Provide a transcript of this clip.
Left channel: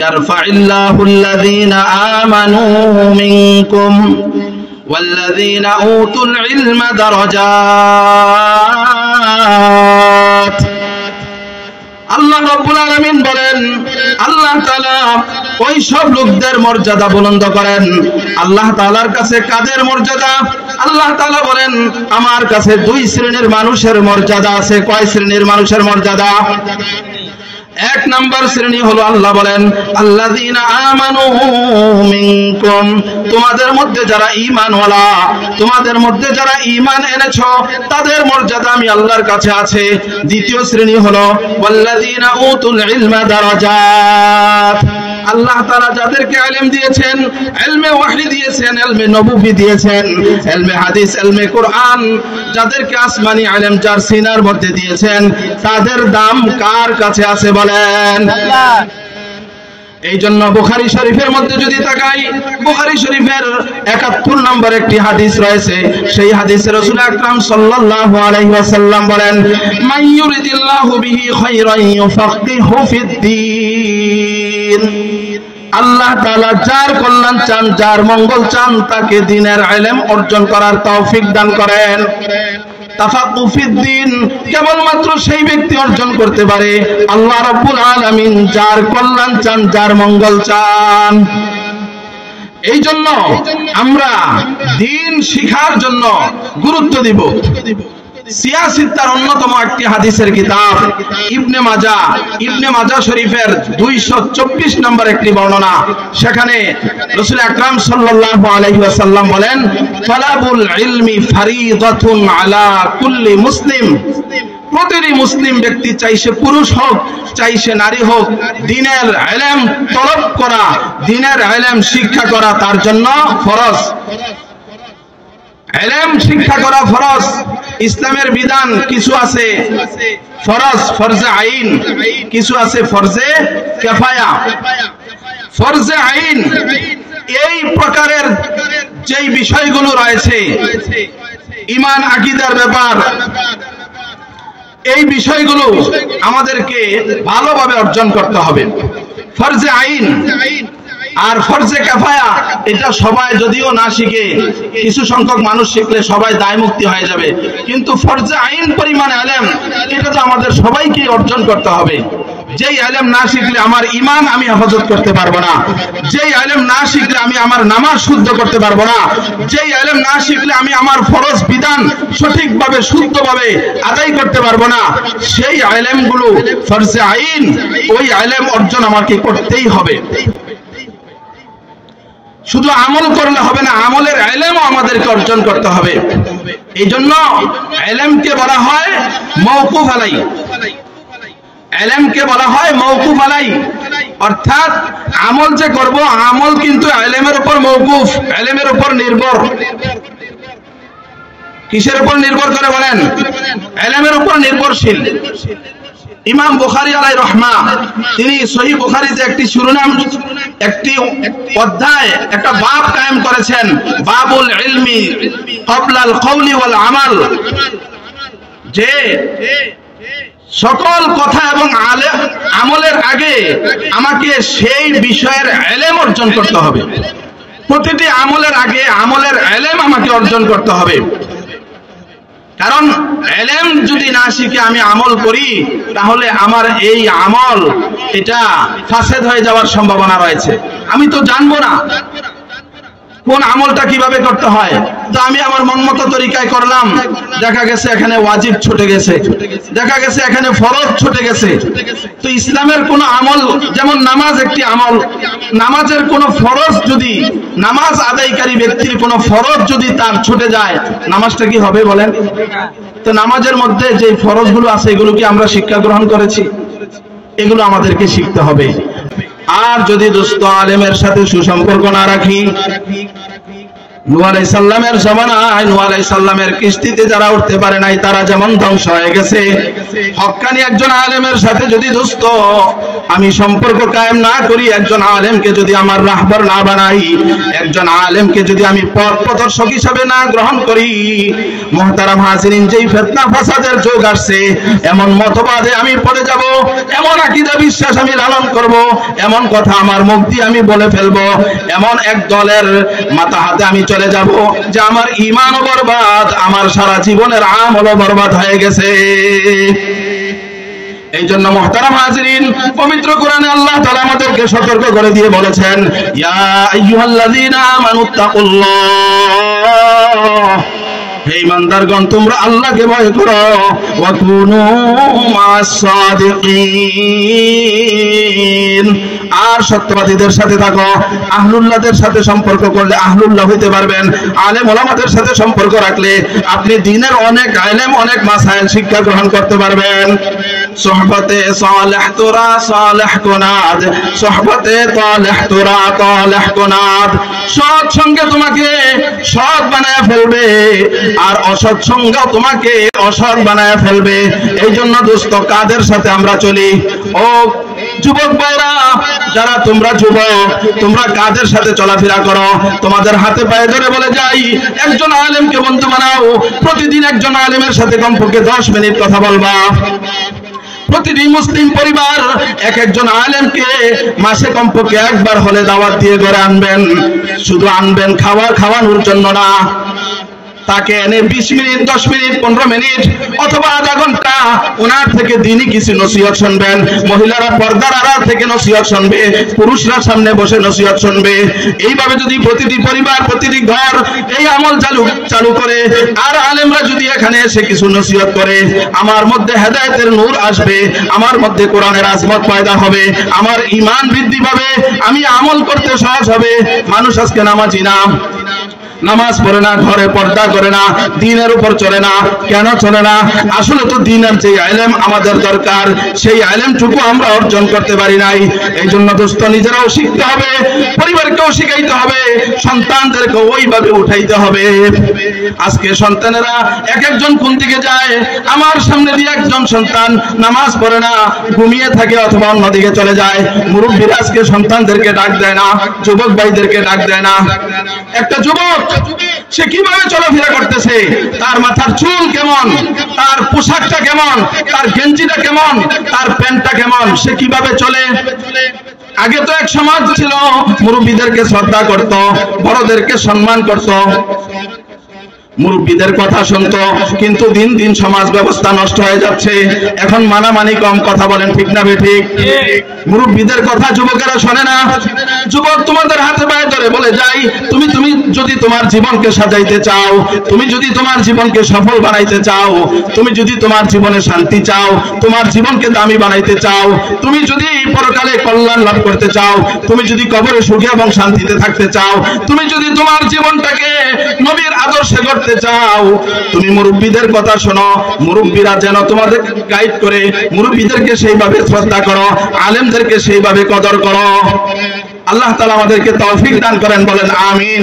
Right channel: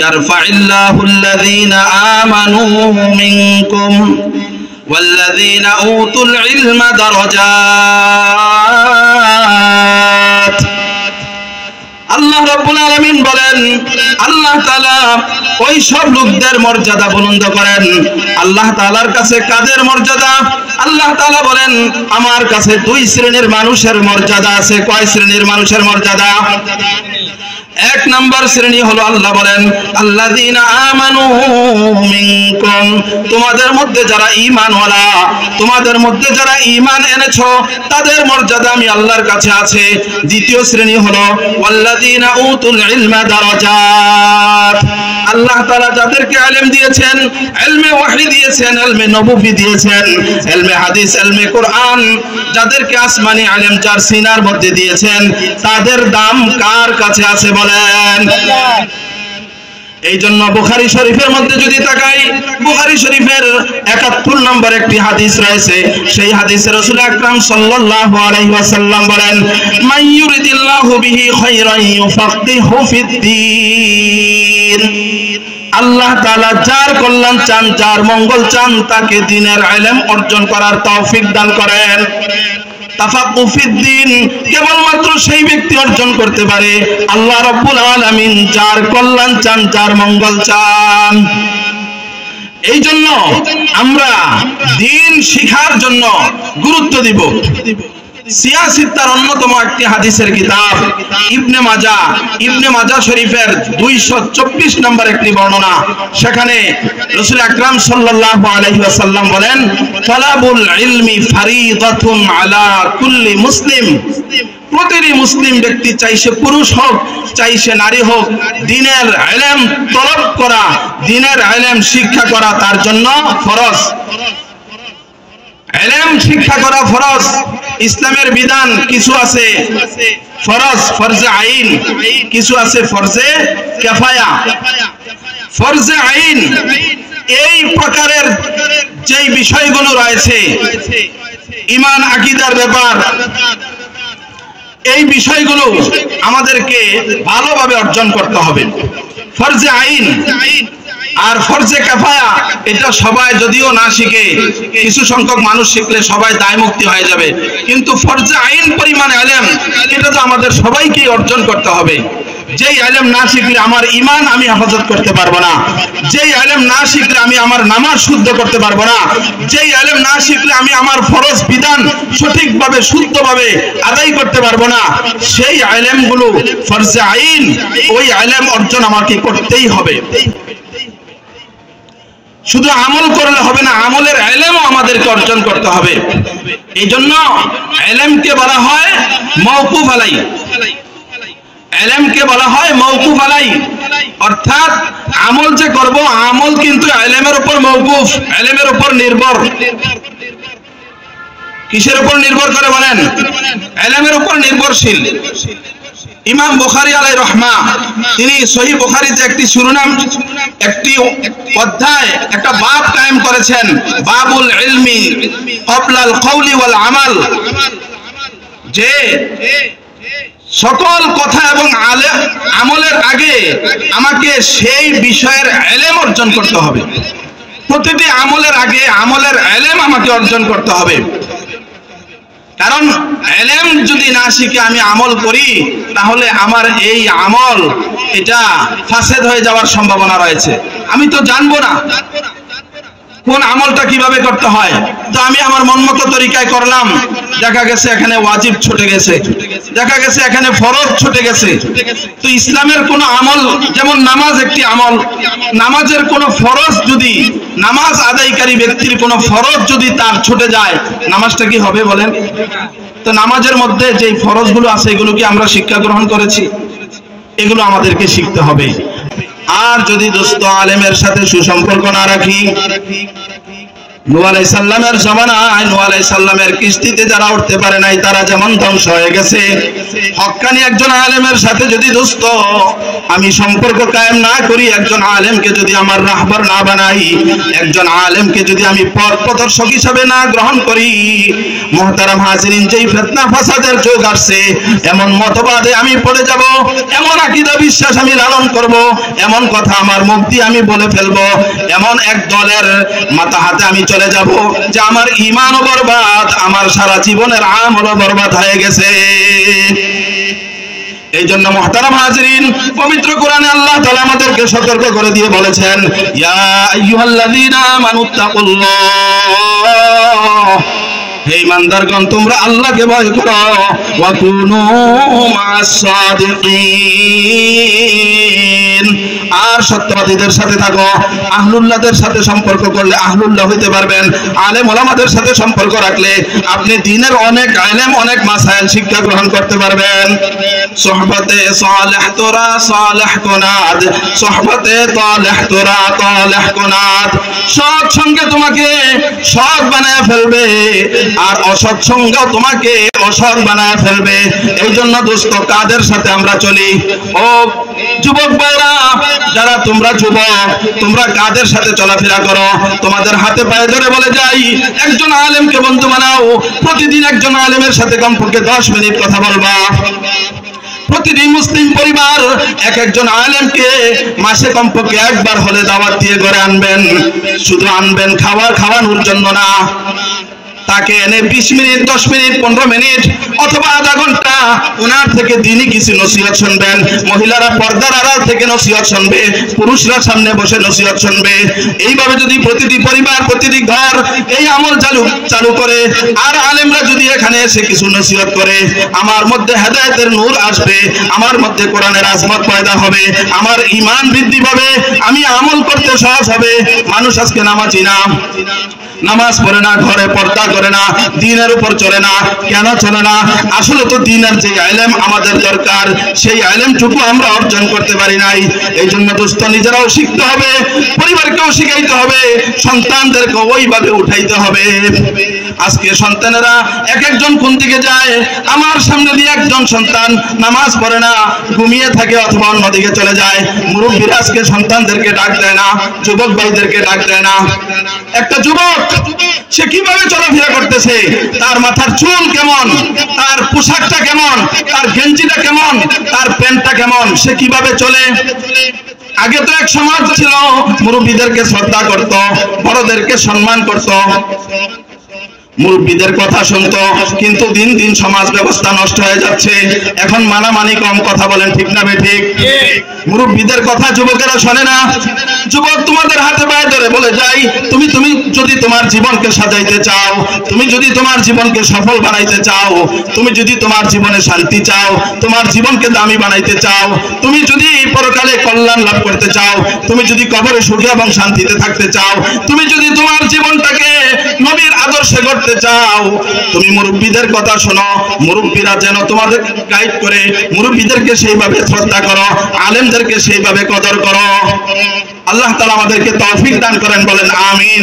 يرفع الله الذين آمنوا منكم والذين أوتوا العلم درجات আল্লাহ রাব্বুল আলামিন বলেন আল্লাহ তাআলা ওই সব লোকদের মর্যাদা বুলন্দ করেন। আল্লাহ তাআলার কাছে কাদের মর্যাদা? আল্লাহ তাআলা বলেন আমার কাছে দুই শ্রেণীর মানুষের মর্যাদা আছে। কয় শ্রেণীর মানুষের মর্যাদা? এক নাম্বার শ্রেণী হলো আল্লাহ বলেন আল্লাযীনা আমানু মিনকুম, তোমাদের মধ্যে যারা ঈমানওয়ালা, তোমাদের মধ্যে যারা ঈমান এনেছো তাদের মর্যাদা আমি আল্লাহর কাছে আছে। দ্বিতীয় শ্রেণী হলো ওয়াল্লাযীনা উতুল ইলমা দারাজাত, আল্লাহ তাআলা যাদেরকে ইলম দিয়েছেন, ইলমে ওয়াহী দিয়েছেন, ইলমে নবুয়ী দিয়েছেন, ইলমে হাদিস, ইলমে কোরআন, যাদেরকে আসমানি ইলম যার সিনার মধ্যে দিয়েছেন তাদের দাম কার কাছে আছে বলেন? এই জন্য বুখারী শরীফের মধ্যে যদি তাকাই, বুখারী শরীফের ৭১ নম্বর একটি হাদিস রয়েছে। সেই হাদিসে রাসূল আকরাম সাল্লাল্লাহু আলাইহি ওয়াসাল্লাম বলেন মান ইউরিদিল্লাহু বিহি খায়রান ইউফাক্কিহু ফিদ্দীন, আল্লাহ তাআলা যার কল্যাণ চান, যার মঙ্গল চান তাকে দ্বীনের ইলম অর্জন করার তৌফিক দান করেন। তাফাক্কু ফিদ্দীন কেবলমাত্র সেই ব্যক্তি অর্জন করতে পারে আল্লাহ রাব্বুল আলামিন যার কল্যাণ চান, যার মঙ্গল চান। এই জন্য আমরা দ্বীন শিখার জন্য গুরুত্ব দিব। সিয়াসিত্তার অন্যতম একটি হাদিসের কিতাব ইবনে মাজাহ শরীফের 224 নম্বর একটি বর্ণনা, সেখানে রাসূল আকরাম সাল্লাল্লাহু আলাইহি ওয়াসাল্লাম বলেন তালাবুল ইলমি ফারিদাতুন আলা কুল্লি মুসলিম, প্রতিটি মুসলিম ব্যক্তি, চাই সে পুরুষ হোক চাই সে নারী হোক, দ্বীনের ইলম তলব করা, দ্বীনের ইলম শিক্ষা করা তার জন্য ফরজ। ইলম শিক্ষা করা ফরজ। ইসলামের বিধান কিছু আছে ফরজ, ফরজে আইন, কিছু আছে ফরজে কিফায়া। ফরজে আইন এই প্রকারের যেই বিষয়গুলো রয়েছে, ঈমান আকীদার ব্যাপার, এই বিষয়গুলো আমাদেরকে ভালোভাবে অর্জন করতে হবে। ফরজে আইন আর ফরজে কিফায়া এটা সবাই যদিও না শিখে, কিছু সংখ্যক মানুষ শিখলে সবাই দায় মুক্তি হয়ে যাবে, কিন্তু ফরজে আইন পরিমাণ ইলম এটা তো আমাদের সবাইকে অর্জন করতে হবে। যেই ইলম না শিখলে আমার ঈমান আমি হেফাজত করতে পারবো না, যেই ইলম না শিখলে আমি আমার নামাজ শুদ্ধ করতে পারবো না, যেই ইলম না শিখলে আমি আমার ফরজ বিধান সঠিকভাবে শুদ্ধভাবে আদায় করতে পারবো না, সেই ইলমগুলো ফরজে আইন, ওই ইলম অর্জন আমাকে করতেই হবে। শুধু আমল করলে হবে না, আমলের ইলমও আমাদেরকে অর্জন করতে হবে। এই জন্য ইলমকে বলা হয় মাওকুফ আলাই, ইলমকে বলা হয় মাওকুফ আলাই, অর্থাৎ আমল যে করব আমল কিন্তু ইলমের উপর মাওকুফ, ইলমের উপর নির্ভর। কিসের উপর নির্ভর করে বলেন? ইলমের উপর নির্ভরশীল। ইমাম বুখারী আলাইহির রহমা তিনি সহিহ বুখারীতে একটি শিরোনাম, একটি অধ্যায়, একটা বাব কায়েম করেছেন, বাবুল ইলমি ক্বাবলাল কওলি ওয়াল আমাল, যে সকল কথা এবং আমলের আগে আমাকে সেই বিষয়ের ইলম অর্জন করতে হবে। প্রতিটি আমলের আগে আমলের ইলম আমাকে অর্জন করতে হবে। কারণ ইলম যদি না শিখে আমি আমল করি তাহলে আমার এই আমল এটা ফাসেদ হয়ে যাওয়ার সম্ভাবনা রয়েছে। আমি তো জানবো না কোন আমলটা কিভাবে করতে হয়, তো আমি আমার মনমতো তরিকায় করলাম, দেখা গেছে এখানে ওয়াজিব ছুটে গেছে, দেখা গেছে এখানে ফরজ ছুটে গেছে। তো ইসলামের কোন আমল, যেমন নামাজ একটি আমল, নামাজের কোন ফরজ যদি, নামাজ আদায়কারী ব্যক্তির কোন ফরজ যদি তার ছুটে যায়, নামাজটা কি হবে বলেন? তো নামাজের মধ্যে যে ফরজগুলো আছে এগুলো কি আমরা শিক্ষা গ্রহণ করেছি? এগুলো আমাদেরকে শিখতে হবে। আর যদি দোস্ত আলেমের সাথে সুসম্পর্ক না রাখি, নূহ আলাইহিস সালামের জমানায় নূহ আলাইহিস সালামের কিস্তিতে যারা উঠতে পারে নাই তারা যেমন ধ্বংস হয়ে গেছে, হক্কানি একজন আলেমের সাথে যদি দোস্ত আমি সম্পর্ক কায়েম না করি, একজন আলেমকে যদি আমার রাহবার না বানাই, একজন আলেমকে যদি আমি পথ প্রদর্শক হিসাবে না গ্রহণ করি, মুহতারাম হাজিরিন, যেই ফিতনা ফাসাদের যুগ আসছে, এমন মতবাদে আমি পড়ে যাব, এমন আকীদা বিশ্বাস আমি লালন করব, এমন কথা আমার মুখ দিয়ে আমি বলে ফেলবো, এমন এক দলের মাথা হাতে আমি চলে যাব যে আমার ঈমানও বরবাদ, আমার সারা জীবনের আমলও বরবাদ হয়ে গেছে। এই জন্য মুহতারাম হাজিরিন, পবিত্র কোরআনে আল্লাহ তাআলা আমাদেরকে সতর্ক করে দিয়ে বলেছেন, ইয়া আইয়ুহাল্লাযীনা আমানুত্তাকুল্লাহ, হে ঈমানদারগণ তোমরা আল্লাহকে ভয় করো, ওয়া কুনু মা'আস সাদিকিন, আর সত্যবাদীদের সাথে থাকো। আহলুল্লাহদের সাথে সম্পর্ক করলে আহলুল্লাহ হইতে পারবেন। আলেম ওলামাদের সাথে সম্পর্ক রাখলে আপনি দ্বীনের অনেক ইলম, অনেক মাসাইল শিক্ষা গ্রহণ করতে পারবেন। সোহবতে সালেহ তোরা সালেহ কোনাদ, সোহবতে তালেহ তোরা তালেহ কোনাদ, সৎ সঙ্গে তোমাকে সৎ বানায় ফেলবে, আর অসৎ সঙ্গ তোমাকে অসৎ বানায় ফেলবে। এই জন্য দোস্ত কাদের সাথে আমরা চলি? ও যুবক ভাইরা, যারা তোমরা যুবক, তোমরা কাদের সাথে চলাফেরা করো? তোমাদের হাতে পায়ে ধরে বলে যাই, একজন আলেমকে বন্ধু বানাও। প্রতিদিন একজন আলেমের সাথে কমপক্ষে 10 মিনিট কথা বলবা। প্রতিটি মুসলিম পরিবার একজন আলেমকে মাসে কমপক্ষে একবার হলে দাওয়াত দিয়ে ঘরে আনবেন। শুধু আনবেন খাওয়ানোর জন্য না, তাকে এনে 20 মিনিট, 10 মিনিট, 15 মিনিট অথবা আধা ঘন্টা ওনার থেকে দিনই কিছু নসিহত শুনবেন। মহিলারা পর্দার আড়াল থেকে নসিহত শুনবে, পুরুষরা সামনে বসে নসিহত শুনবে। এইভাবে যদি প্রতিটি পরিবার, প্রতিটি ঘর এই আমল চালু করে, আর আলেমরা যদি এখানে এসে কিছু নসিহত করে, আমার মধ্যে হেদায়েতের নূর আসবে, আমার মধ্যে কোরআনের আজমত পয়দা হবে, আমার ঈমান বৃদ্ধি পাবে, আমি আমল করতে সহজ হবে। মানুষ আজকে নামাজি না, নামাজ পড়ে না, ঘরে পর্দা করে না, দ্বীনের উপর চলে না। কেন চলে না? আসলে তো দ্বীনের যে ইলম আমাদের দরকার, সেই ইলমটুকু আমরা অর্জন করতে পারি নাই। এই জন্য দোস্ত নিজেরাও শিখতে হবে, পরিবারকেও শিখাইতে হবে, সন্তানদেরকে ওইভাবে উঠাইতে হবে। আজকে সন্তানেরা একজন কোন দিকে যায়, আমার সামনে দিয়ে একজন সন্তান নামাজ পড়ে না, ঘুমিয়ে থাকে অথবা অন্যদিকে চলে যায়। মুরব্বীরা আজকে সন্তানদেরকে ডাক দেয় না, যুবক ভাইদেরকে ডাক দেয় না। একটা যুবক সে কিভাবে চলাফেরা করতেছে, তার মাথার চুল কেমন, তার পোশাকটা কেমন, তার গেঞ্জিটা কেমন, তার প্যান্টটা কেমন, সে কিভাবে চলে। আগে তো এক সমাজ ছিল, মুরব্বীদেরকে শ্রদ্ধা করত, বড়দেরকে সম্মান করত, মুরব্বীদের কথা শুনতো। কিন্তু দিন দিন সমাজ ব্যবস্থা নষ্ট হয়ে যাচ্ছে। এখন মানামানি কম, কথা বলেন ঠিক না বেঠিক? মুরব্বীদের কথা যুবকেরা শোনে না। যুবক, তোমাদের হাতে পায়ে ধরে বলে যাই, তুমি যদি তোমার জীবনকে সাজাইতে চাও, তুমি যদি তোমার জীবনকে সফল বানাইতে চাও, তুমি যদি তোমার জীবনে শান্তি চাও, তোমার জীবনকে দামি বানাইতে চাও, তুমি যদি পরকালে কল্যাণ লাভ করতে চাও, তুমি যদি কবরে সুখে এবং শান্তিতে থাকতে চাও, তুমি যদি তোমার জীবনটাকে নবীর আদর্শে গড়তে চাও, তুমি মুরব্বীদের কথা শোনো। মুরব্বীরা যেন তোমাদের গাইড করে, মুরব্বীদেরকে সেইভাবে শ্রদ্ধা করো, আলেমদেরকে সেইভাবে কদর করো। আল্লাহ তাআলা আমাদেরকে তৌফিক দান করেন, বলেন আমিন।